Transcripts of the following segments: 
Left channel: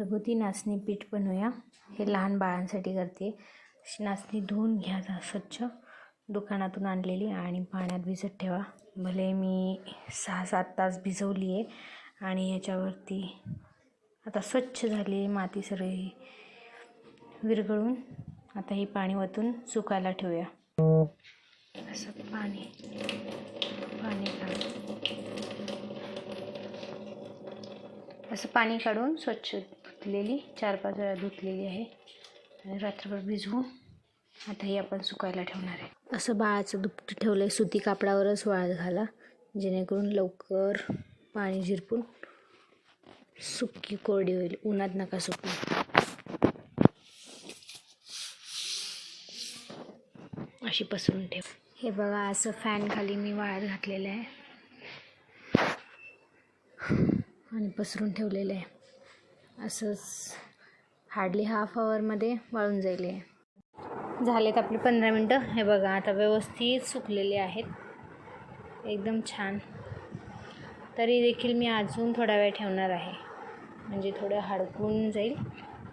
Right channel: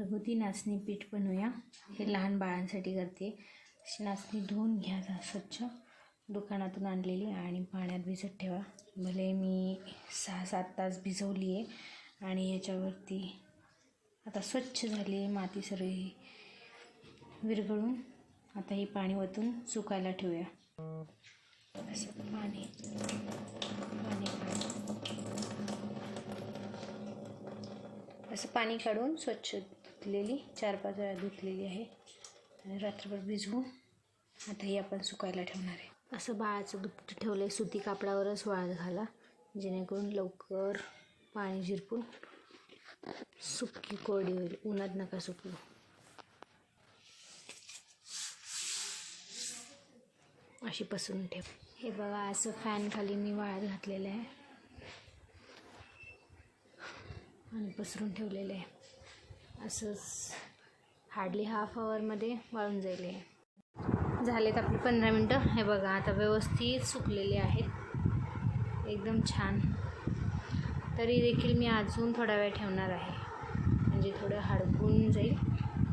घरगुती नाचणी पीठ बनवूया. हे लहान बाळांसाठी करते. अशी नाचणी धुवून घ्या स्वच्छ, दुकानातून आणलेली, आणि पाण्यात भिजत ठेवा. भले मी 6-7 तास भिजवली आहे. आणि याच्यावरती आता स्वच्छ झाली आहे माती सगळी विरघळून. आता हे पाणी वतून सुकायला ठेवूया. असं पाणी काढून स्वच्छ धुतलेली 4-5 वेळा धुतलेली आहे आणि रात्रभर भिजवून आता हे आपण सुकायला ठेवणार आहे. असं बाळाचं दुपटं ठेवलं आहे, सुती कापडावरच वाळत घाला, जेणेकरून लवकर पाणी झिरपून सुकी कोरडी होईल. उन्हात नका सुकू. अशी पसरून ठेव. हे बघा, असं फॅन खाली मी वाळत घातलेलं आहे आणि पसरून ठेवलेलं आहे. असंच हार्डली हाफ आवरमध्ये वाळून जाईल. झालेत आपले 15 मिनटं. हे बघा, आता व्यवस्थित सुकलेले आहेत, एकदम छान. तरी देखील मी अजून थोडा वेळ ठेवणार आहे, म्हणजे थोडं हडकून जाईल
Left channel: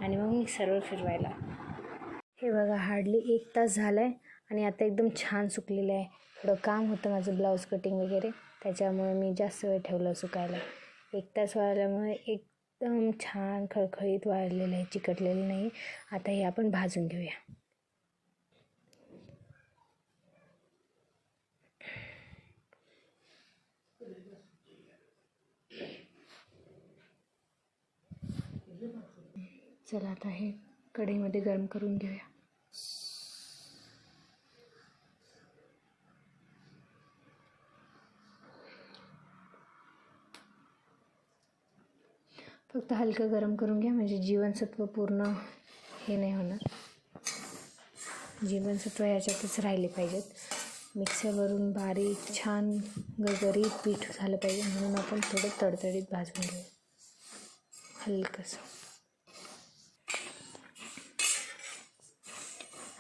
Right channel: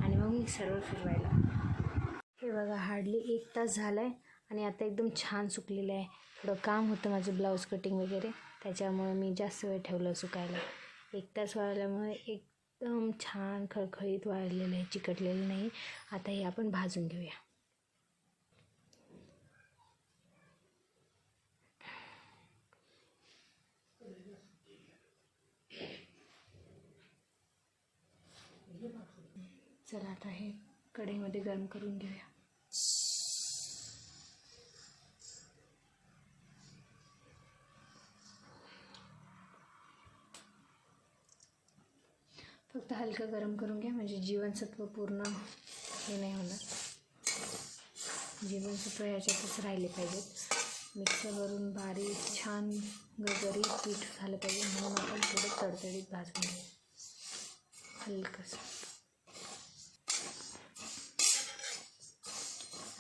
आणि मग मिक्सरवर फिरवायला. हे बघा, हार्डली 1 तास झाला आहे आणि आता एकदम छान सुकलेलं आहे. थोडं काम होतं माझं, ब्लाऊज कटिंग वगैरे, त्याच्यामुळे मी जास्त वेळ ठेवलं सुकायला. 1 तास वाळल्यामुळे एकदम छान खळखळीत वाळलेलं आहे, चिकटलेलं नाही. आता हे आपण भाजून घेऊया. चला आता हे कढईमध्ये गरम करून घेऊया. फक्त हलकं गरम करून घ्या, म्हणजे जीवनसत्व पूर्ण हे नाही होणार. जीवनसत्व ह्याच्यातच राहिले पाहिजेत. मिक्सरवरून बारीक छान गरगरीत पीठ झालं पाहिजे, म्हणून आपण थोडं तडतडीत भाजून घेऊ.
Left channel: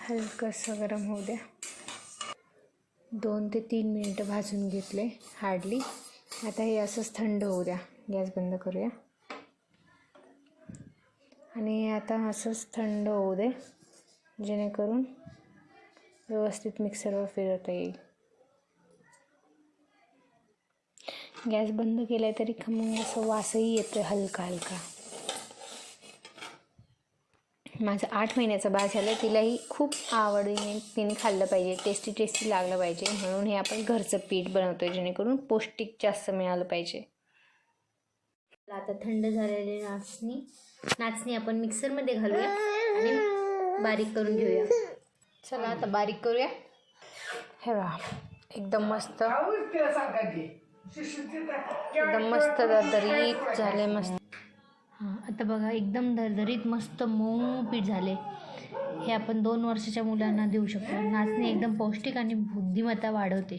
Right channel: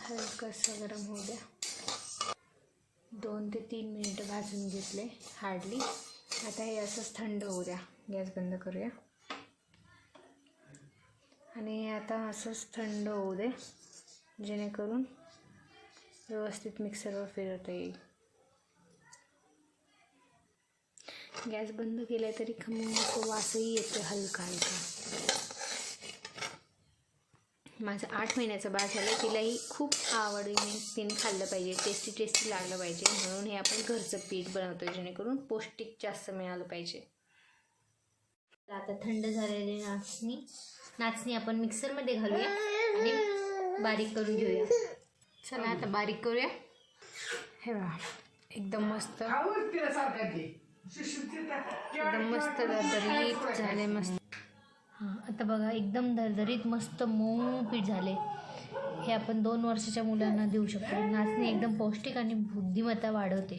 हलकंसं गरम होऊ द्या. 2 ते 3 मिनटं भाजून घेतले हार्डली. आता हे असंच थंड होऊ द्या. गॅस बंद करूया आणि आता असंच थंड होऊ दे, जेणेकरून व्यवस्थित मिक्सरवर फिरवता येईल. गॅस बंद केला तरी खमंग असं वासही येतो हलका हलका. माझं 8 महिन्याचं बाळ झालं, तिलाही खूप आवडीने तिने खाल्लं पाहिजे, टेस्टी लागलं पाहिजे, म्हणून हे आपण घरचं पीठ बनवतो आहे, जेणेकरून पौष्टिक जास्त मिळालं पाहिजे. आता थंड झालेली नाचणी आपण मिक्सरमध्ये घालूया आणि बारीक करून घेऊया. चला आता बारीक करूया. हे बघा, एकदम मस्त दरदरीत झाले. मस्त. आता बघा, एकदम दरदरीत मस्त मऊ पीठ झाले. हे आपण 2 वर्षाच्या मुलांना देऊ शकतो. नाचणी एकदम पौष्टिक आणि बुद्धिमत्ता वाढवते,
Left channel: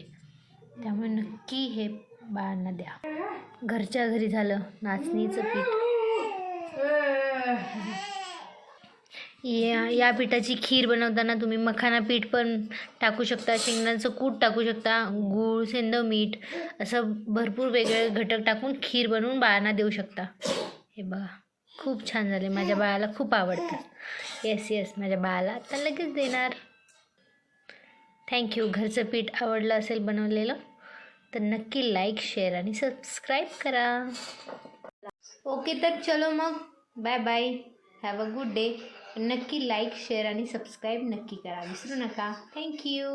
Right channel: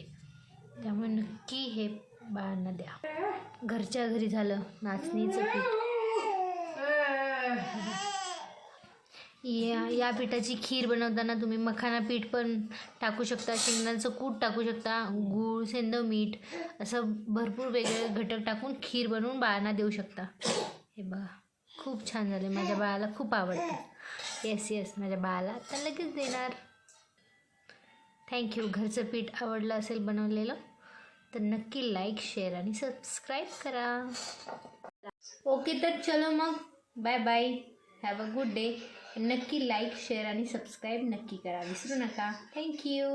त्यामुळे नक्की हे बाळांना द्या. घरच्या घरी झालं नाचणीचं पीठ. या पिठाची खीर बनवताना तुम्ही मखाना पीठ पण टाकू शकता, शेंगदाण्याचं कूट टाकू शकता, गूळ, सेंधव मीठ, असं भरपूर वेगळे घटक टाकून खीर बनवून बाळांना देऊ शकता. हे बघा, खूप छान झाले. माझ्या बाळाला खूप आवडतं. येस, माझ्या बाळाला आता लगेच देणार. थँक्यू. घरचं पीठ आवडलं असेल बनवलेलं तर नक्की लाईक, शेअर आणि सबस्क्राईब करा. ओके, तर चलो मग, bye bye, have a good day. नक्की लाईक, शेअर आणि सबस्क्राईब नक्की करा, विसरू नका. थँक्यू.